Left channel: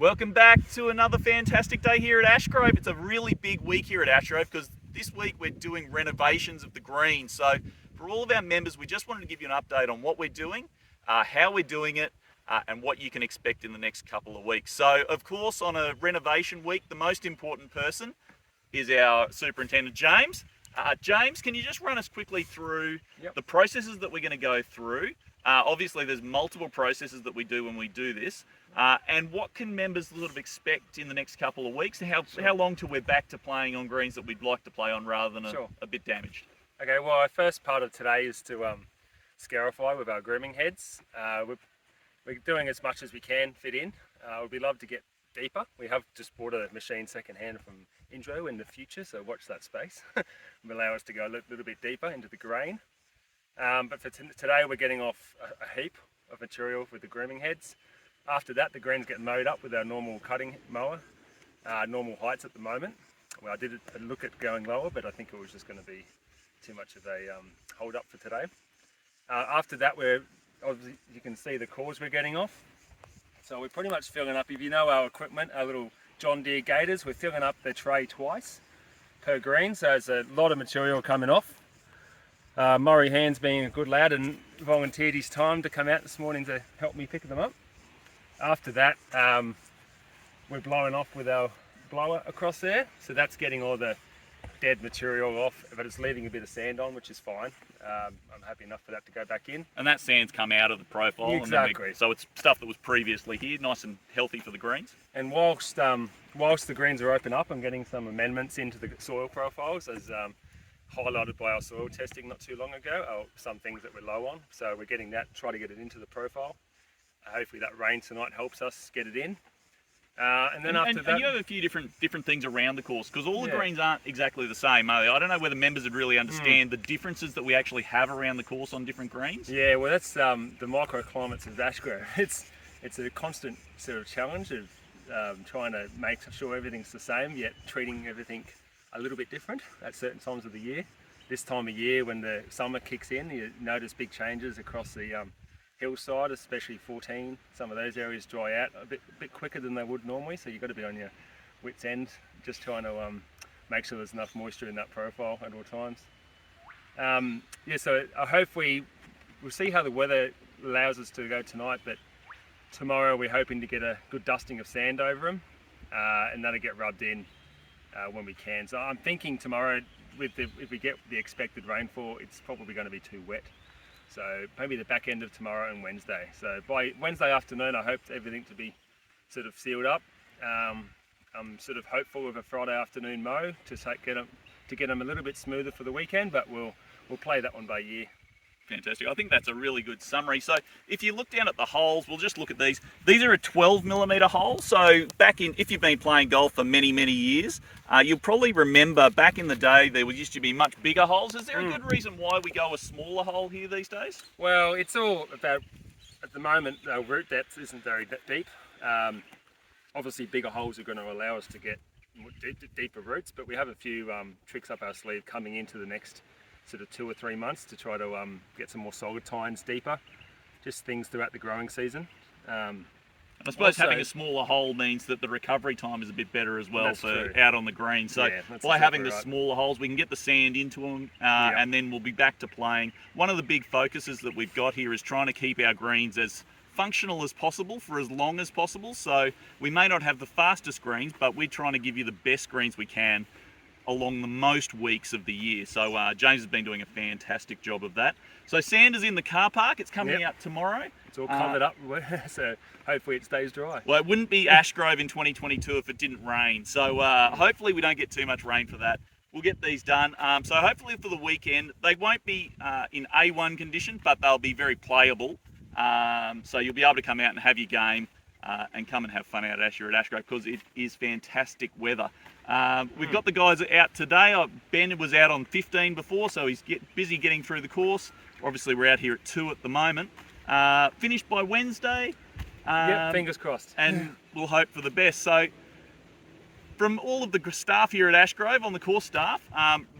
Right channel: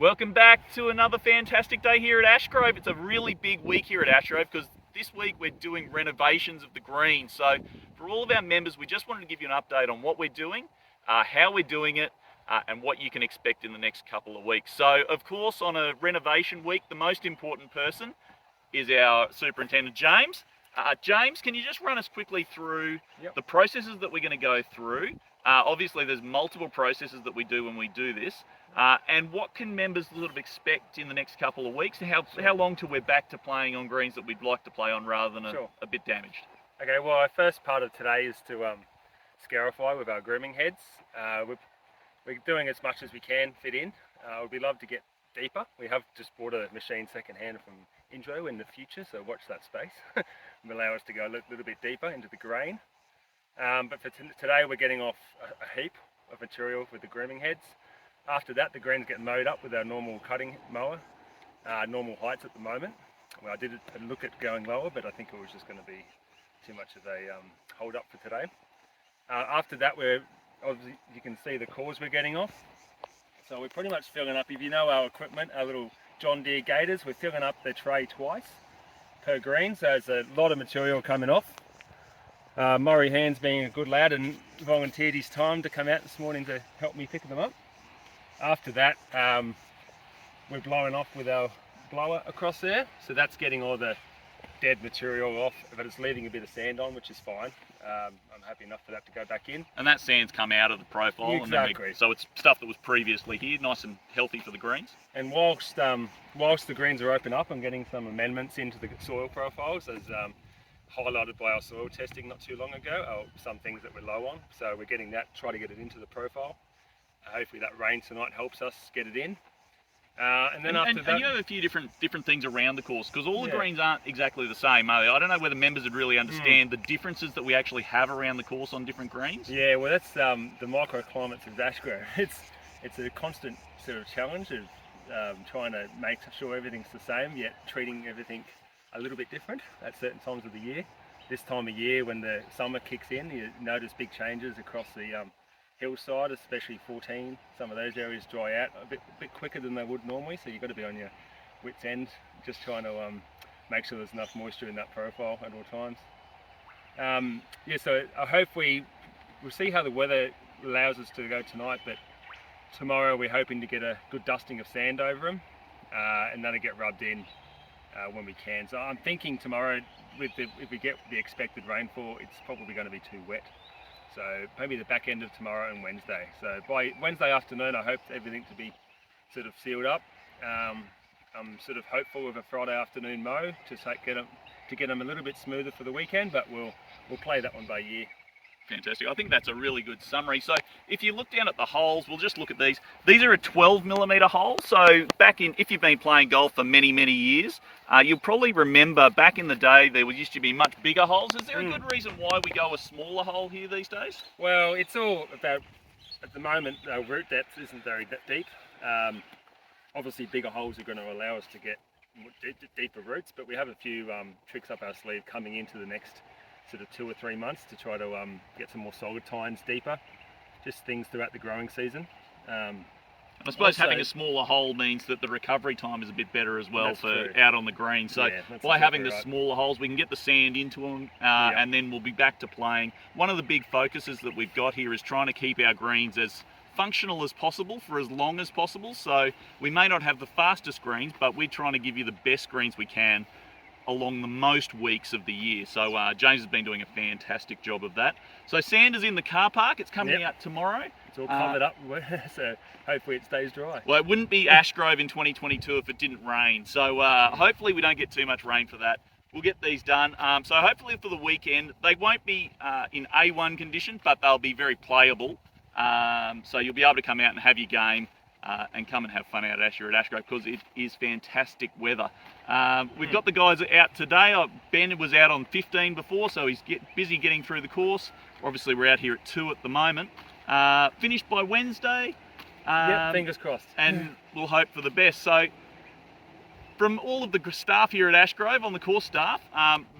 Welcome back to another fantastic day here at Ashgrove. It's a really big week here at Ashgrove because this week we're doing renovations of the green. So for all of our members, we just wanted to give you an update on what we're doing, how we're doing it, and what you can expect in the next couple of weeks. So of course, on a renovation week, the most important person is our Superintendent, James. James, can you just run us quickly through the processes that we're going to go through? Obviously, there's multiple processes that we do when we do this. And what can members sort of expect in the next couple of weeks? And how long till we're back to playing on greens that we'd like to play on rather than a bit damaged? Okay, well, our first part of today is to scarify with our grooming heads. We're doing as much as we can fit in. We'd love to get deeper. We have just bought a machine second-hand from Indro in the future, so watch that space. Will allow us to go a little bit deeper into the grain. But for today, we're getting off a heap of material with the grooming heads. After that, the greens get mowed up with our normal cutting mower, normal heights at the moment. Well, I did a look at going lower, but I think it was just going to be too much of a hold up for today. After that, obviously you can see the cores we're getting off. So we're pretty much filling up, if you know our equipment, our little John Deere Gators, we're filling up the tray twice per green, so there's a lot of material coming off. Murray Hands being a good lad and volunteered his time to come out this morning to help me pick them up. After that, we're blowing off with our blower across there, so that's getting all the dead material off, but it's leaving a bit of sand on, which is fine. I'm happy enough for that to go back in. And that sand's come out of the profile. Exactly. So it's stuff that was previously here, nice and healthy for the greens. And whilst the greens are open up, I'm getting some amendments into the soil profiles, as highlighted by our soil testing not too long ago, some things that we're low on. So we're getting that, try to get it into the profile. Hopefully that rain tonight helps us get it in. And then after that... And you have a few different things around the course, because all the greens aren't exactly the same, are they? I don't know whether members would really understand the differences that we actually have around the course on different greens. Yeah, well that's the microclimates of Ashgrove. It's a constant sort of challenge of trying to make sure everything's the same, yet treating everything a little bit different at certain times of the year. This time of year, when the summer kicks in, you notice big changes across the hillside, especially 14. Some of those areas dry out a bit quicker than they would normally, so you've got to be on your wits end, just trying to make sure there's enough moisture in that profile at all times. So I hope we'll see how the weather allows us to go tonight, but tomorrow we're hoping to get a good dusting of sand over them, and that'll get rubbed in when we can. So I'm thinking tomorrow, if we get the expected rainfall, it's probably going to be too wet. So maybe the back end of tomorrow and Wednesday. So by Wednesday afternoon, I hope everything to be sort of sealed up. I'm sort of hopeful of a Friday afternoon mow to get them a little bit smoother for the weekend, but we'll play that one by ear. Fantastic. I think that's a really good summary. So if you look down at the holes, we'll just look at these. These are a 12mm hole. So if you've been playing golf for many, many years, you'll probably remember back in the day there used to be much bigger holes. Is there a good reason why we go a smaller hole here these days? Well, it's all about, at the moment, our root depth isn't very deep. Obviously bigger holes are going to allow us to get deeper roots, but we have a few tricks up our sleeve coming into the next sort of 2 or 3 months to try to get some more solid tines deeper, just things throughout the growing season. I suppose having a smaller hole means that the recovery time is a bit better as well for out on the green. So by having the smaller holes, we can get the sand into them, and then we'll be back to playing. One of the big focuses that we've got here is trying to keep our greens as functional as possible for as long as possible. So we may not have the fastest greens, but we're trying to give you the best greens we can along the most weeks of the year. So James has been doing a fantastic job of that. So sand is in the car park. It's coming out tomorrow. It's all covered up, so hopefully it stays dry. Well, it wouldn't be Ashgrove in 2022 if it didn't rain. So hopefully we don't get too much rain for that. We'll get these done. So hopefully for the weekend, they won't be in A1 condition, but they'll be very playable. So you'll be able to come out and have your game and come and have fun out at Ashgrove, because it is fantastic weather. We've got the guys out today. Ben was out on 15 before, so he's busy getting through the course. Obviously we're out here at 2 at the moment. Finished by Wednesday. Fingers crossed. And we'll hope for the best. So from all of the staff here at Ashgrove, on the course staff,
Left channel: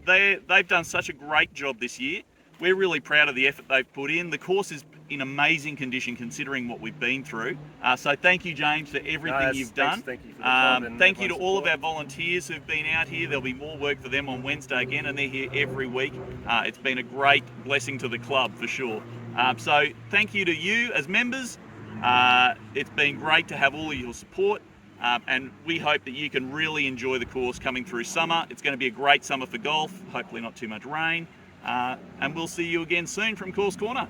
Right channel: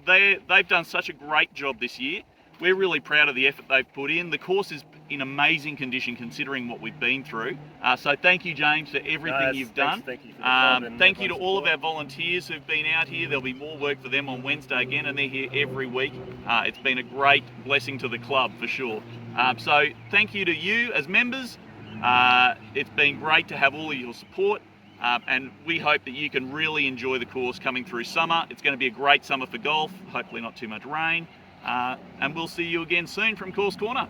they've done such a great job this year. We're really proud of the effort they've put in. The course is in amazing condition considering what we've been through. So thank you, James, for everything you've done. Thank you for the club and thank you to all of support. our volunteers who've been out here. There'll be more work for them on Wednesday again, and they're here every week. It's been a great blessing to the club for sure. So thank you to you as members. It's been great to have all of your support. And we hope that you can really enjoy the course coming through summer. It's going to be a great summer for golf, hopefully not too much rain. And we'll see you again soon from Course Corner.